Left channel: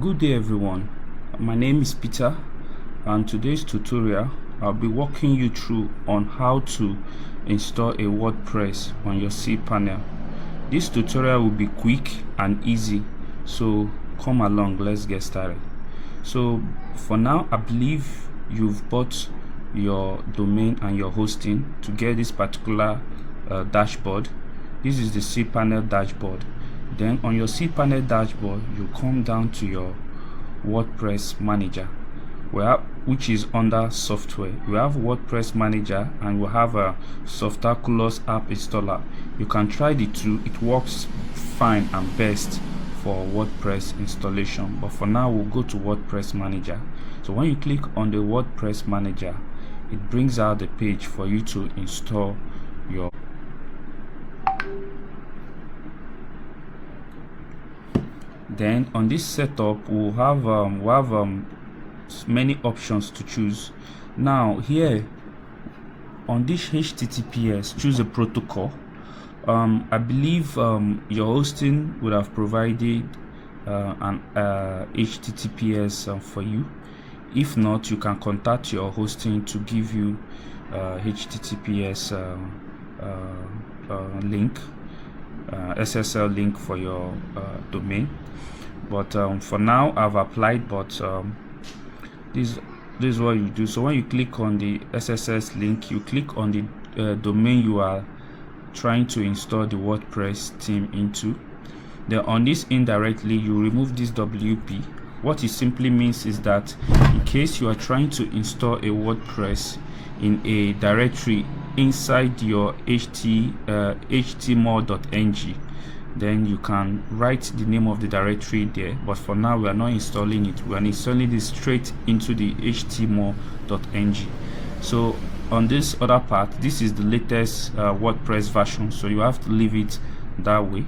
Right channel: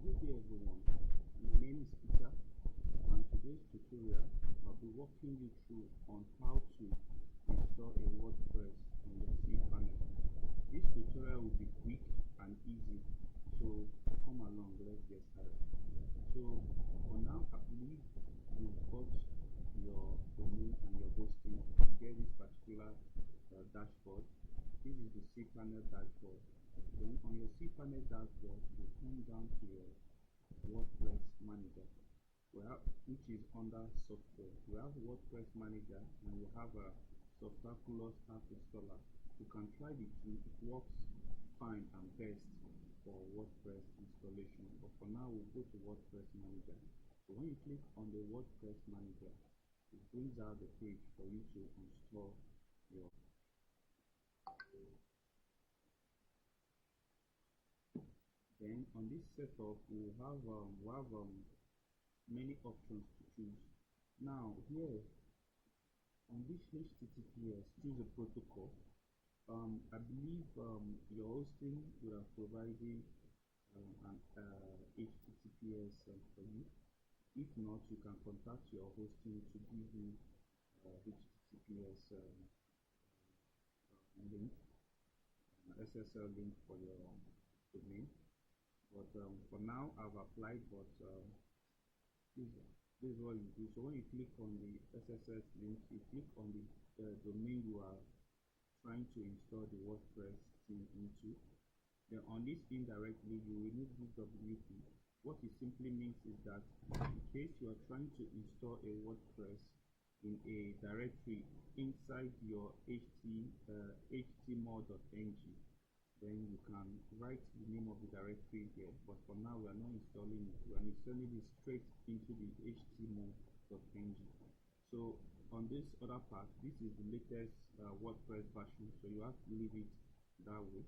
Good day everyone, my name is Peter, and today's tutorial I'll be walking you through on how to install a WordPress on your cPanel. This tutorial will be quick and easy, so come along, let's get started. So for now, I believe you've bought your domain and your hosting to get this particular dashboard. This is the cPanel dashboard. Then on your cPanel dashboard, you come down to your WordPress manager, which is under software. We have WordPress manager and we have a Softaculous app installer. You can try the two, it works fine and best for WordPress installation, but for now we'll go to WordPress manager. So when you click on the WordPress manager, it brings out the page for you to install your Then on this setup we'll have many options to choose. Now here on this HTTPS, choose a protocol. I believe your hosting would have provided an HTTPS for you. If not, you can contact your hosting to give you HTTPS link, SSL link for your domain. But for now I've applied, but this is what you do. So when you click on the SSL link, you click on the domain you are trying to install the WordPress theme into. Then on this indirectly, you remove this WP. What it simply means is that in case you are trying to install a WordPress in a directory inside your html.ng, then you can write the name of the directory there. But for now we are not installing it, we are installing this straight into the html.ng. so on this other part, this is the latest WordPress version, so you have to leave it that way.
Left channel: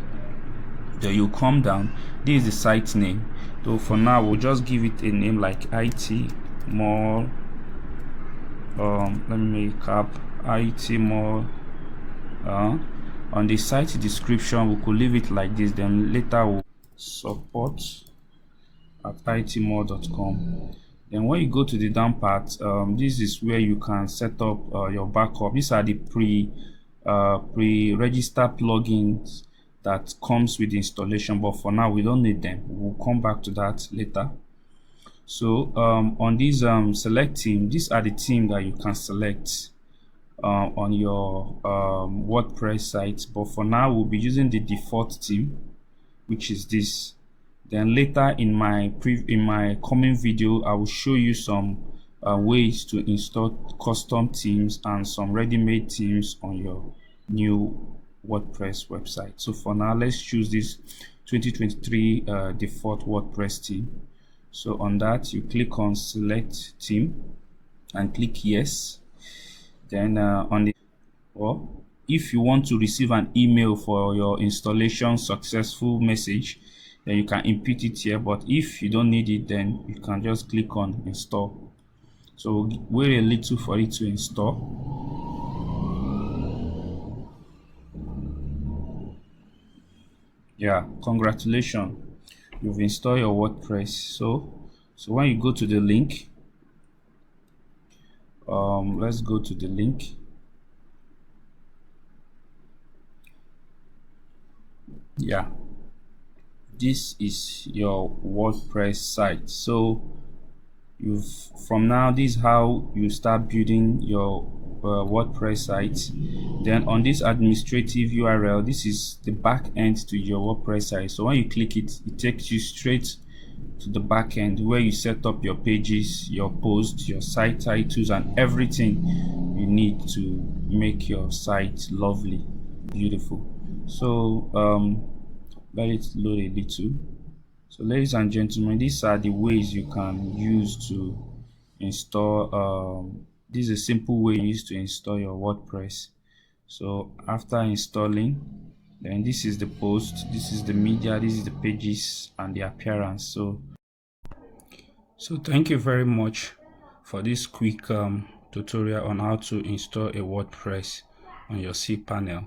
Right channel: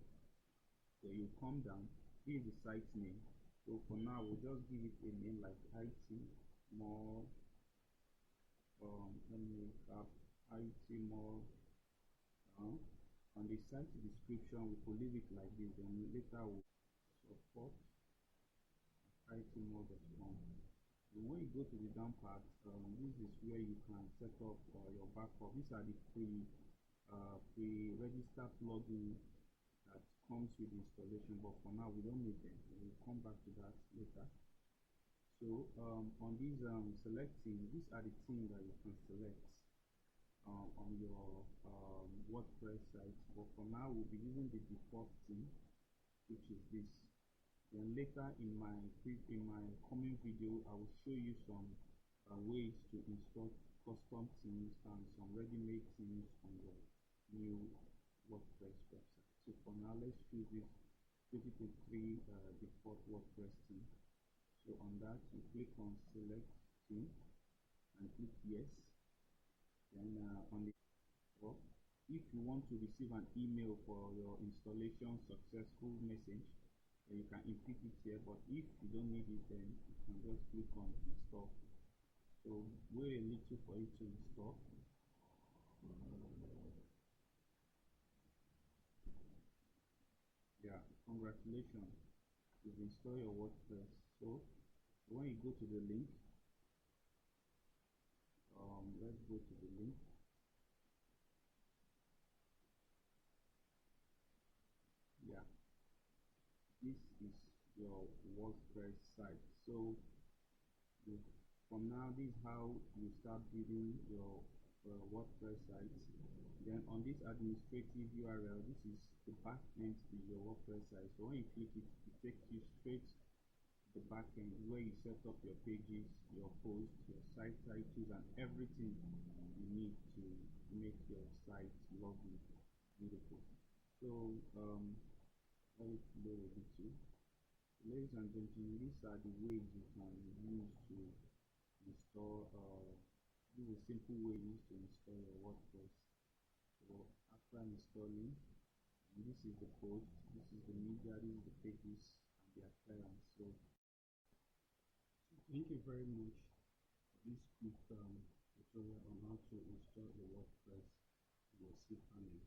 Then you come down, this is the site name. So for now we'll just give it a name like it more let me make up it more. On the site description we could leave it like this, then later we'll support at itmore.com. Then when you go to the down part, this is where you can set up your backup. These are the pre-registered plugins that comes with the installation, but for now we don't need them. We'll come back to that later. So on these select theme, these are the theme that you can select on your WordPress site, but for now we'll be using the default theme, which is this. Then later in my coming video I will show you some ways to install custom themes and some ready-made themes on your new WordPress website. So for now, let's choose this 2023 default WordPress theme. So on that, you click on select theme and click yes. Then on the, or if you want to receive an email for your installation successful message, then you can input it here. But if you don't need it, then you can just click on install. So wait a little for it to install. Yeah, congratulations, you've installed your WordPress. So when you go to the link, let's go to the link. Yeah, this is your WordPress site. So from now, this is how you start building your WordPress site. Then on this administrative URL, this is the back end to your WordPress site. So when you click it, it takes you straight to the back end where you set up your pages, your posts, your site titles, and everything you need to make your site lovely, beautiful. So let it load a little. So ladies and gentlemen, these are the ways you can use to install this is a simple way you use to install your WordPress. So after installing, then this is the post, this is the media, this is the pages and the appearance. So thank you very much for this quick tutorial on how to install a WordPress on your cPanel.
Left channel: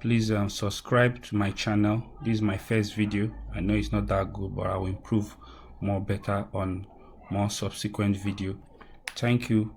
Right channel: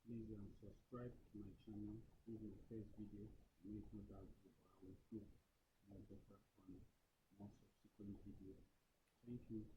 Please subscribe to my channel. This is my first video. I know it's not that good, but I will improve more better on more subsequent video. Thank you.